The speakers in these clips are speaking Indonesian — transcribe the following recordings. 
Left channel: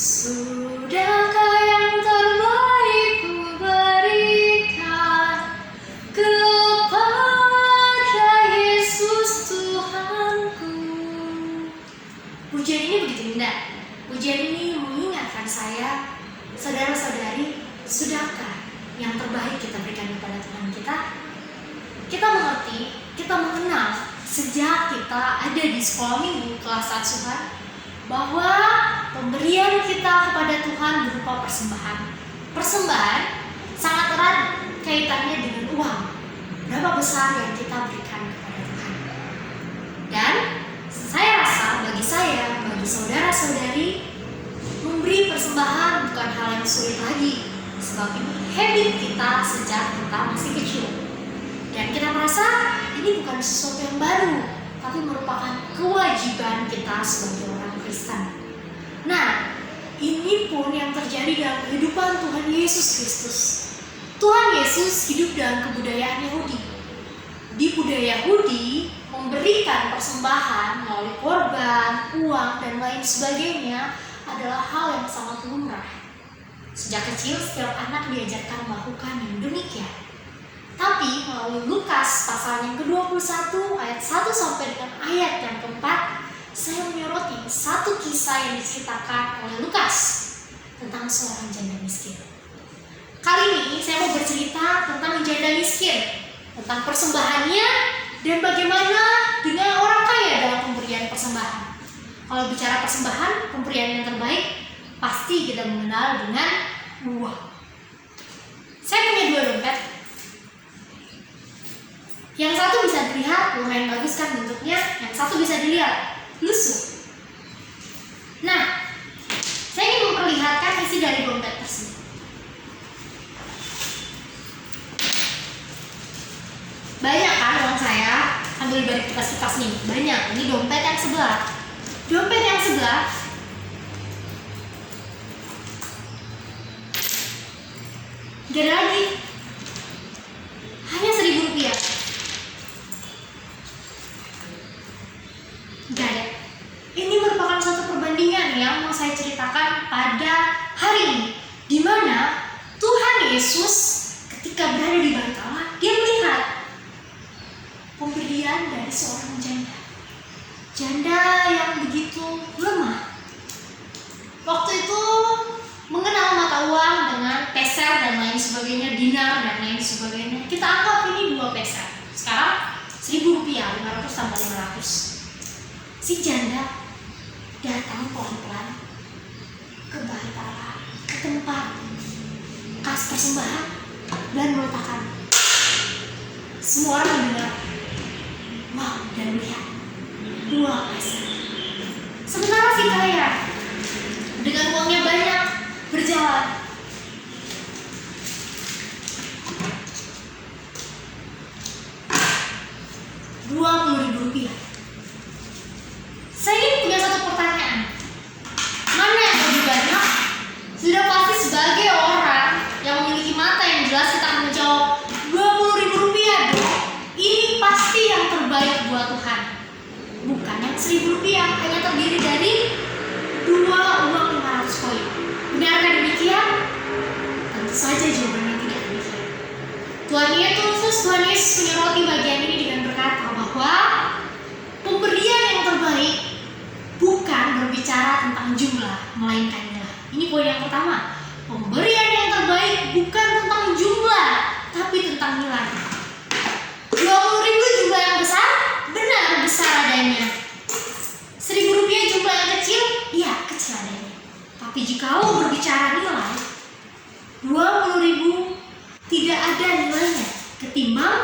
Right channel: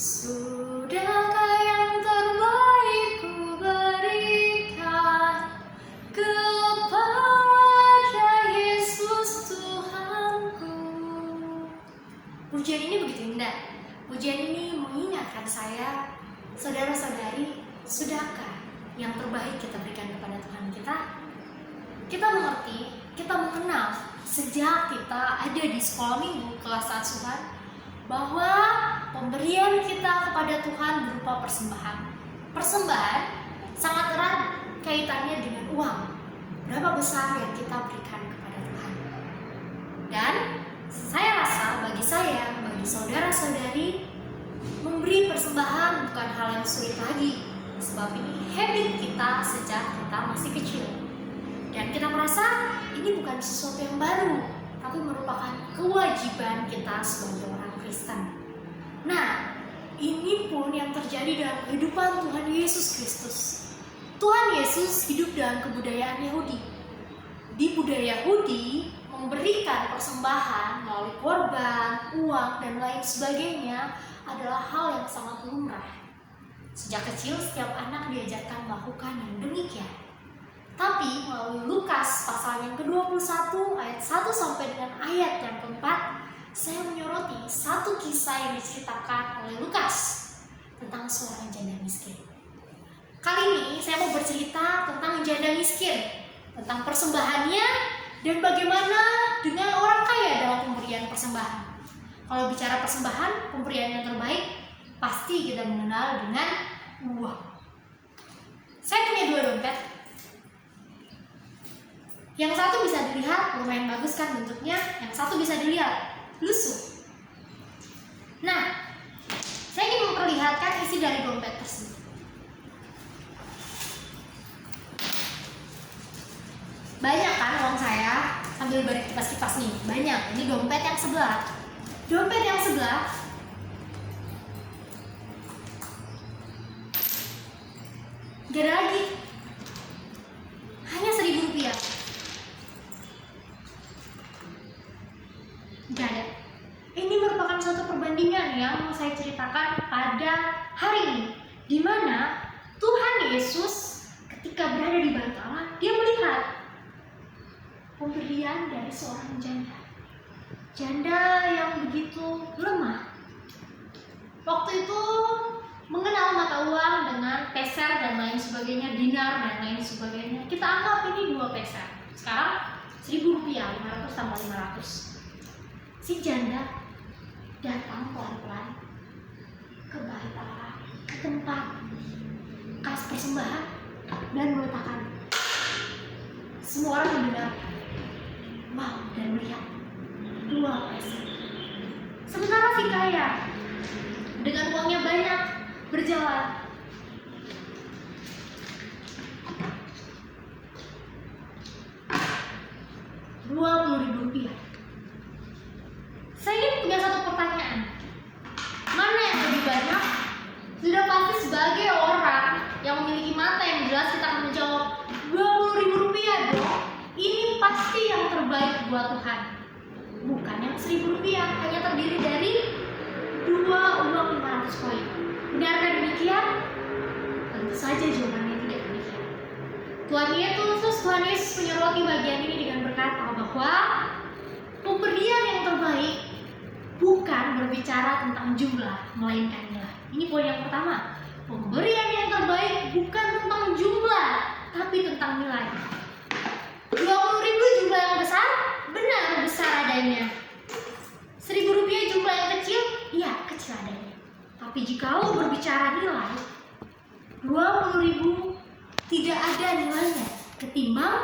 Sudahkah yang terbaik ku berikan kepada Yesus Tuhanku? Pujian ini begitu indah. Pujian ini mengingatkan saya, saudara-saudari, sudahkah yang terbaik kita berikan kepada Tuhan kita? Kita mengerti, kita mengenal sejak kita ada di sekolah minggu kelas asuhan bahwa pemberian kita kepada Tuhan berupa persembahan. Persembahan sangat erat kaitannya dengan uang. Berapa besar yang kita berikan kepada Tuhan? Dan saya rasa bagi saya, bagi saudara-saudari, memberi persembahan bukan hal yang sulit lagi. Sebab ini habit kita sejak kita masih kecil. Dan kita merasa ini bukan sesuatu yang baru, tapi merupakan kewajiban kita sebagai orang Kristen. Nah, ini pun yang terjadi dalam kehidupan Tuhan Yesus Kristus. Tuhan Yesus hidup dalam kebudayaan Yahudi. Di budaya Yahudi, memberikan persembahan melalui korban, uang, dan lain sebagainya adalah hal yang sangat lumrah. Sejak kecil, setiap anak diajarkan melakukan yang demikian. Tapi melalui Lukas pasal yang ke-21 ayat 1 sampai dengan ayat yang ke-4, saya menyoroti satu kisah yang diceritakan oleh Lukas tentang seorang janda miskin. Kali ini saya mau bercerita tentang janda miskin, tentang persembahannya dan bagaimana dengan orang kaya dalam pemberian persembahan. Kalau bicara persembahan, pemberian yang terbaik pasti kita mengenal dengan uang. Saya punya 2 dompet. Yang satu bisa dilihat, lumayan bagus kan bentuknya. Yang satu bisa dilihat, lusuh. Nah, saya ingin memperlihatkan isi dari dompet tersebut. Banyak kan uang saya, sambil balik kipas-kipas nih. Banyak, ini dompet yang sebelah. Dompet yang sebelah gak ada lagi. Hanya Rp1.000. Gak ada. Ini merupakan suatu perbandingan yang mau saya ceritakan pada hari ini, di mana Tuhan Yesus ketika berada di bait Allah, dia melihat pemberian dari seorang janda. Janda yang begitu lemah. Waktu itu mengenal mata uang dengan peser dan lain sebagainya, dinar dan lain sebagainya. Kita anggap ini 2 peser. Sekarang Rp1.000, 500 tambah 500. Si janda datang pelan-pelan ke bait Allah, ke tempat kas persembahan, dan meletakkan. Semua orang mendengar, wow, dan melihat 2 peser. Sementara si kaya dengan uangnya banyak berjalan. Rp20.000. Saya ini punya satu pertanyaan. Mana yang lebih banyak? Sudah pasti sebagai orang yang memiliki mata yang jelas kita akan menjawab Rp20.000. Ini pasti yang terbaik buat Tuhan. Bukan yang Rp1.000 hanya terdiri dari 2 uang 500 koin. Benarkah demikian? Tentu saja jawabannya tidak demikian. Tuhan Yesus menyoroti bagian ini dengan berkata bahwa pemberian yang terbaik bukan berbicara tentang jumlah, melainkan nilai. Ini poin yang pertama. Pemberian yang terbaik bukan tentang jumlah, tapi tentang nilai. Rp20.000 jumlah yang besar? Benar, besar adanya. Rp1.000 jumlah yang kecil? Iya, kecil adanya. Tapi jika berbicara nilai, Rp20.000 tidak ada nilainya ketimbang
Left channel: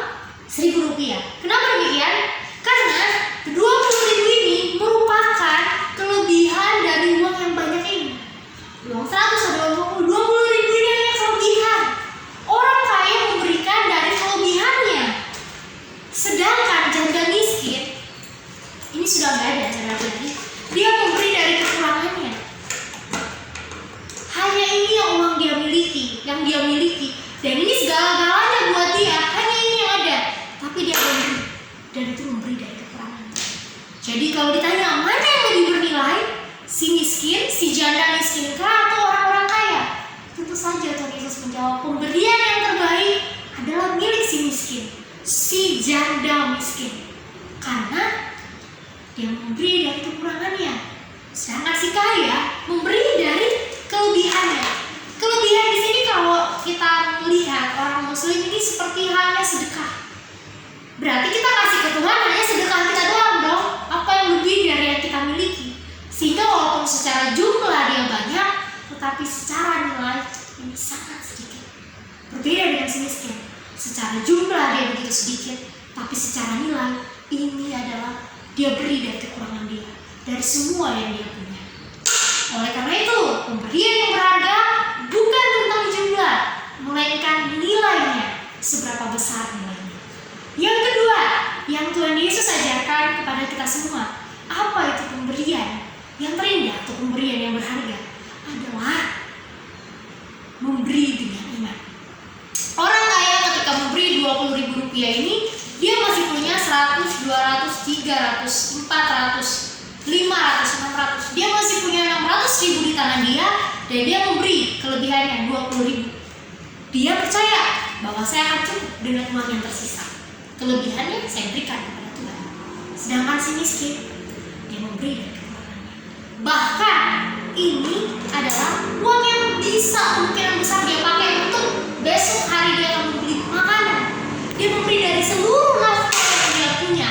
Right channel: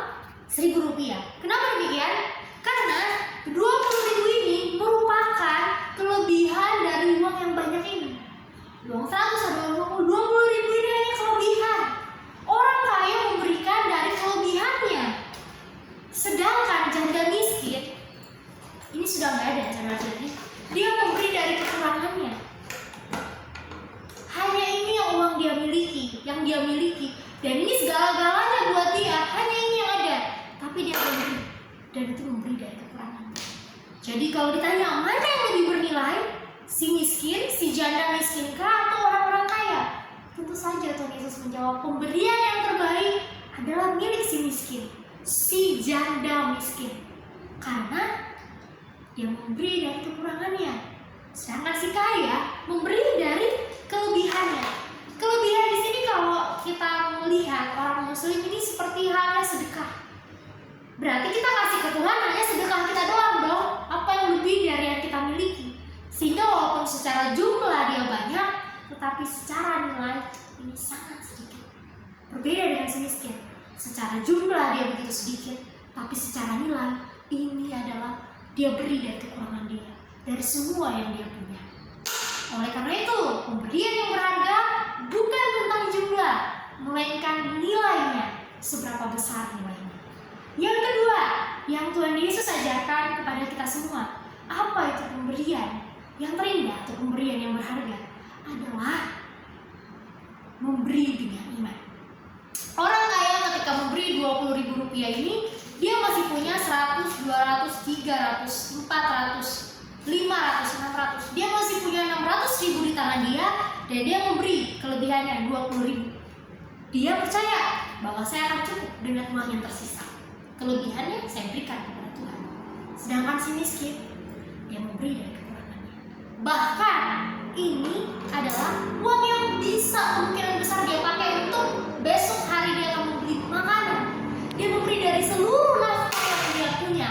Rp1.000. Kenapa demikian? Karena Rp20.000 ini merupakan kelebihan dari uang yang banyak ini. Uang 100 ada uang 20.000 ini hanya kelebihan. Orang kaya memberikan dari kelebihannya. Sedangkan janda miskin ini sudah nggak ada janda lagi. Dia memberi dari kekurangannya. Hanya ini yang uang dia miliki, dan ini segala-galanya buat dia. Hanya ini yang ada, tapi dia memberi, dan itu memberi dari kekurangan. Jadi kalau ditanya mana yang lebih bernilai, Si miskin, si janda miskin kah atau orang-orang kaya? Tentu saja Tuhan Yesus menjawab, pemberian yang terbaik adalah milik si miskin, si janda miskin. Karena dia memberi dari kekurangannya. Sedangkan si kaya memberi dari kelebihannya. Kelebihan di sini kalau kita melihat orang Muslim ini seperti halnya sedekah. Berarti kita kasih ke Tuhan hanya sedekah kita doang dong. Apa yang lebih dari yang kita miliki? Sehingga walaupun secara jumlah dia banyak, tetapi secara nilai ini sangat sedikit. Berbeda dengan si miskin. Secara jumlah dia begitu sedikit, tapi secara nilai ini adalah dia beri dari kekurangan dia, dari semua yang dia punya. Oleh karena itu, pemberian yang berharga bukan tentang jumlah, melainkan nilainya, seberapa besar nilainya. Yang kedua, yang Tuhan Yesus ajarkan kepada kita semua, apa itu pemberian yang terindah atau pemberian yang berharga? Adalah memberi dengan iman. Orang kaya ketika memberi 20.000 rupiah ini, dia masih punya 100, 200, 300, 400, 500, 600. Dia masih punya 600.000 di tangan dia, dan dia memberi kelebihannya 20.000. Dia percaya bahwa saya akan cukup dengan uang yang tersisa. Kelebihannya saya berikan kepada Tuhan. Sedangkan si miskin, dia memberi dari kekurangannya. Bahkan ini adalah uang yang bisa kemungkinan besar dia pakai untuk besok hari dia akan membeli makanan. Dia memberi dari seluruh nafkah yang dia punya.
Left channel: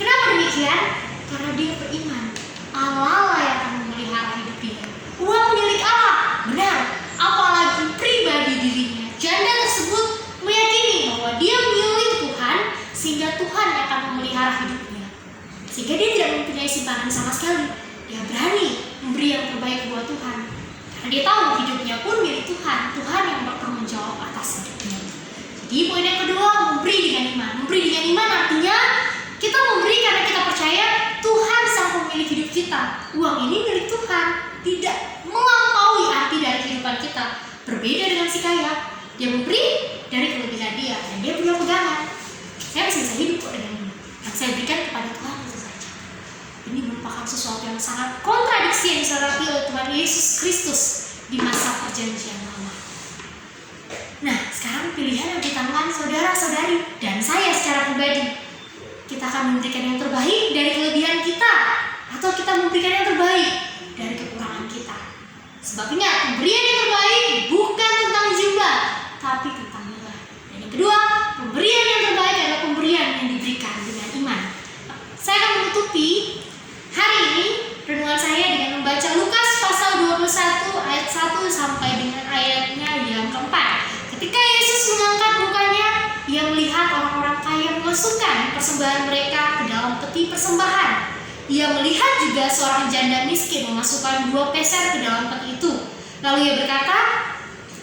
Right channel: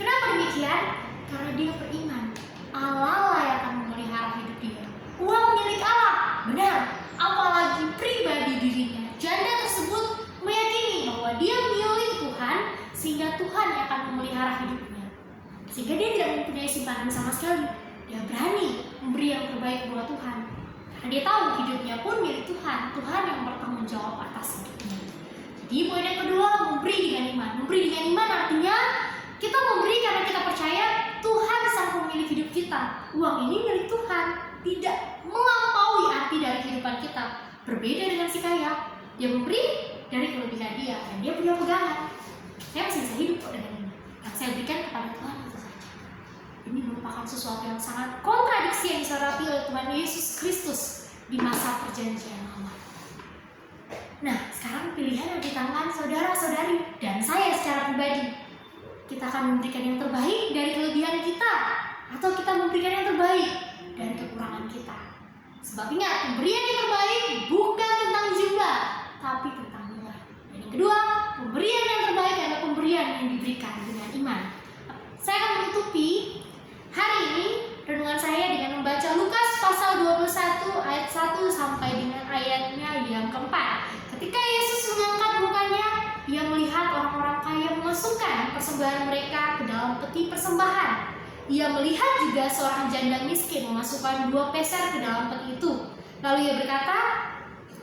Kenapa demikian? Karena dia beriman Allah yang akan memelihara hidup dia. Uang milik Allah, benar. Apalagi pribadi dirinya, janda tersebut meyakini bahwa dia milik Tuhan, sehingga Tuhan yang akan memelihara hidupnya. Sehingga dia tidak mempunyai simpanan sama sekali. Dia berani memberi yang terbaik buat Tuhan, karena dia tahu hidupnya pun milik Tuhan. Tuhan yang bertanggung jawab atas hidupnya. Jadi poin yang kedua, memberi dengan iman. Memberi dengan iman artinya kita memberi karena kita percaya Tuhan sang pemilik hidup kita. Uang ini milik Tuhan, tidak melampaui arti dari kehidupan kita. Berbeda dengan si kaya, dia memberi dari kelebihan dia, dan dia punya pegangan. Saya masih bisa hidup kok dengan ini. Yang saya berikan kepada Tuhan itu saja. Ini merupakan sesuatu yang sangat kontradiksi yang disertai oleh Tuhan Yesus Kristus di masa perjanjian lama. Nah, sekarang pilihan yang di tangan saudara-saudari dan saya secara pribadi. Kita akan memberikan yang terbaik dari kelebihan kita, atau kita memberikan yang terbaik dari kekurangan kita. Sebab ingat, pemberian yang terbaik bukan tentang jumlah, tapi tentang nilai. Dan yang kedua, pemberian yang terbaik adalah pemberian yang diberikan dengan iman. Saya akan menutupi hari ini renungan saya dengan membaca Lukas pasal 21 ayat 1 sampai dengan ayatnya yang keempat. Ketika Yesus mengangkat mukanya, ia melihat orang-orang kaya memasukkan persembahan mereka ke dalam peti persembahan. Ia melihat juga seorang janda miskin memasukkan 2 peser ke dalam peti itu. Lalu ia berkata,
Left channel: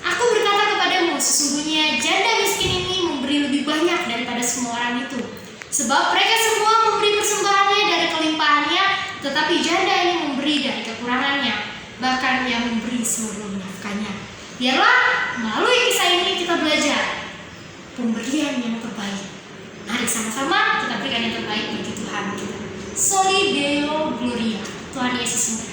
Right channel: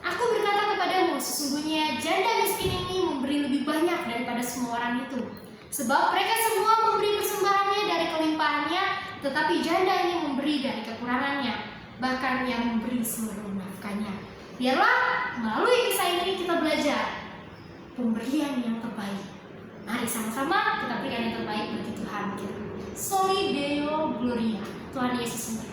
"Aku berkata kepadamu, sesungguhnya janda miskin ini memberi lebih banyak daripada semua orang itu. Sebab mereka semua memberi persembahannya dari kelimpahannya, tetapi janda ini memberi dari kekurangannya, bahkan ia memberi seluruh nafkahnya." Biarlah melalui kisah ini kita belajar pemberian yang terbaik. Mari sama-sama kita berikan yang terbaik bagi Tuhan kita. Soli Deo Gloria. Tuhan Yesus memberkati.